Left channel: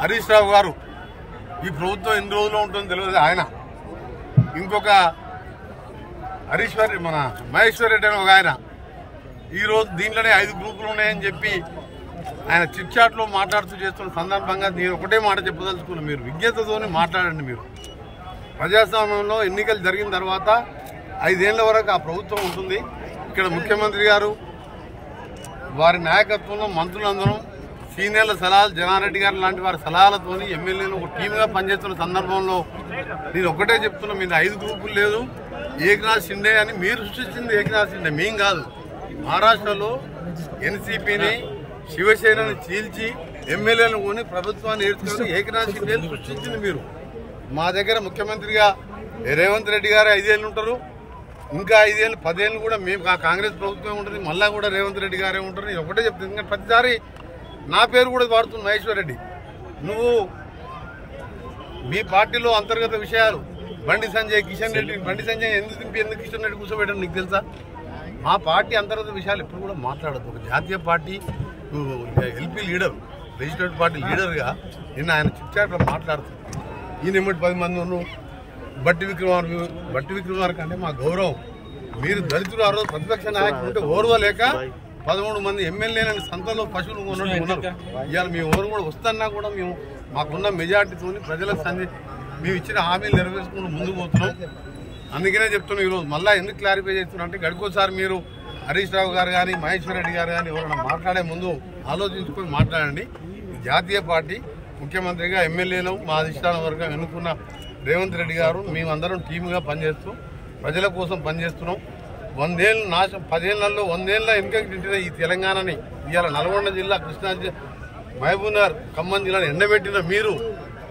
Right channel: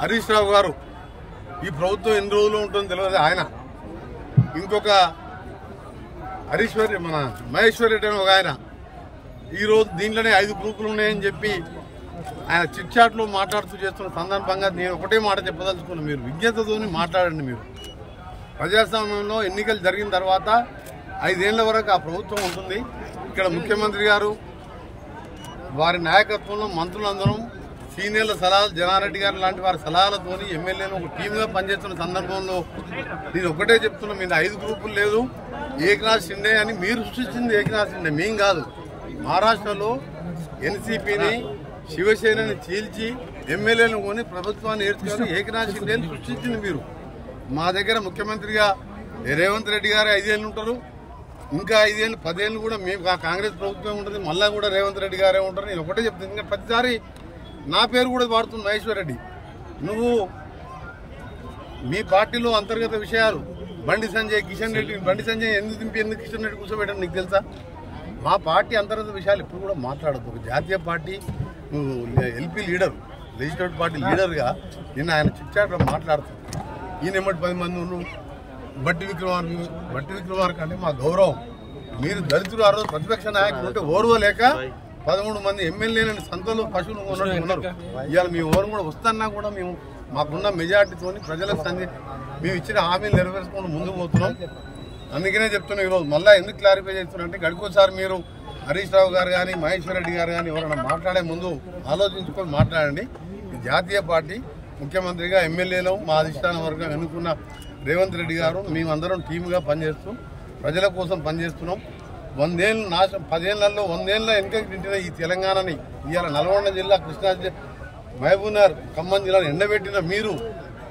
హరీష్ రావు గారు ఈ ప్రభుత్వం ఎన్ని రోజులు ఉంటుందో తెలియదు. ఆయన ఇంకొక మన మహేశ్వర్ రెడ్డి అని ఒక ఆయన ఈరోజు దీంట్లోనే 5 గ్రూపులు ఉన్నాయని చెప్పి ఆయన చిట్ చాట్ లో మాట్లాడుతూ చేస్తున్న సందర్భంగా నేను ఒకటే మాట చెప్పదలుచుకున్నాను. మీరు విజ్ఞతతోని మాట్లాడండి. మీరు ప్రజాస్వామ్యంలో ఎన్నికలు జరిగిన తర్వాత 5 ఏళ్ల వరకు ఆ ప్రభుత్వం ఉంటుంది. ఇక్కడ ముఖ్యమంత్రి గారు వారి నాయకత్వంలో మంత్రులందరం సీనియర్ల సలహాలు జనారెడ్డి గారు లాంటి వారి సలహాలతోని ఎమ్మెల్యేలు ఒక టీమ్గా పనిచేస్తున్న సందర్భంలో నేను ఒకటే చెప్తున్నా, మీద 5 గ్రూపులు లేదు. ఏకనాథ్ షిండే అని మీరు సృష్టించింది ఏకనాథ్ షిండే, మేం కాదు. మహారాష్ట్రలో ఎన్సీపీని శివసేనని చీల్చి ఎమ్మెల్యేలను కొని ప్రభుత్వాన్ని ఏర్చుకొని ఏకనాథ్ షిండేని సృష్టించింది మీరు. మా దగ్గర ముఖ్యమంత్రిగా రేవంత్ రెడ్డి గారు 5 ఏళ్ళు ఉంటారు. ఇంకా 5 ఏళ్ళు 10 ఏళ్ళు కూడా మేము కాంగ్రెస్ ప్రభుత్వం ఉంటుంది. మళ్ళా కూడా రేవంత్ రెడ్డి గారే ఉంటారు. నేను ఒకటే చెప్తాను, ఇంకా ప్రతిసారి నా పేరు కూడా వాడుతుంది మహేశ్వర్ రెడ్డి. నువ్వు మీ పార్టీలో అంతర్గత విషయాలు బండి సంజయ్ కిషన్ రెడ్డి, బండి సంజయ్ ఎందుకు దింపి ఎందుకు కిషన్ రెడ్డి కూర్చోబెట్టడం నీకు తెలుసా? మా పార్టీ అంతర్గత విషయాలు ఎప్పుడు కూడా మాట్లాడద్దు. ఒక జాతీయ party LP leader, legislative party లీడర్గా నిన్న ఆయన చిట్చాట్లో మాట్లాడుతుంది. ఈయన 10 మంది ఉన్నాను. బట్టి విక్రమార్క అంటే మా గౌరవం. మీరు దళితులు ఆ రోజు ప్రతిపక్ష నాయకులు ఉంటే ఓర్వలేక 13 మంది ఎమ్మెల్యేలని సంతలో పశువులు ఉన్నట్టు ఉన్నారు. ఇవాళ మీ ఓరు కూడా వస్తున్నా కూడా మేము మాకున్న మెజార్టీతో ప్రజలకు మేము ఇచ్చిన హామీలు నెరవేర్చుకుని ముందుకు పోతున్నాం. అందుకనే చెప్తున్నాం. ఈరోజు మళ్ళీ ఎందుకు క్లారిఫై చేస్తున్నా అంటే గడికోసారి మీరు హరీష్ రావు గారు కానీ మహేశ్వర్ రెడ్డి గారు కానీ ఎవరైనా మాట్లాడే ముందు ఆలోచించుకొని మాట్లాడండి. జాతీయ పార్టీ ముఖ్యమంత్రిగా ఎమ్మెల్యేలు మా అధిష్టానం వర్గం ఎన్నుకున్న రేవంత్ రెడ్డి గారు మేమందరం టీమ్గా పనిచేస్తూ ప్రజల కోసం పనిచేస్తున్నాం. 100 ఏళ్ళు 10 ఏళ్లలో 100 ఏళ్ళ వెనుకకి తింటున్న ఈ తెలంగాణని ఇవాళ నల్గొండ జిల్లా, కృష్ణా, మహబూబ్నగర్, ఖమ్మం జిల్లాను ఎండబెట్టిన మీరు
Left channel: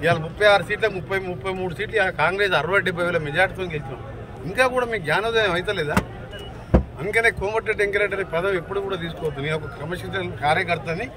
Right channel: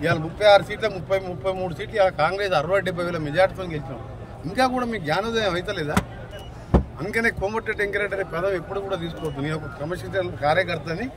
ఇవాళ 36 సీట్ల 33 సీట్లు ఇవాళ కాంగ్రెస్ 60-70 వేల మెజార్టీతో గెలిచినాం. ఇంకా కూడా మీకు జ్ఞానోదయం అవుతలేదా? అందుకనే కోమటిరెడ్డి వెంకరెడ్డి అనే పదం ఎప్పుడు కూడా తీసుకోవద్దు. నేను ఒక క్రమశిక్షణ కార్యకర్తని.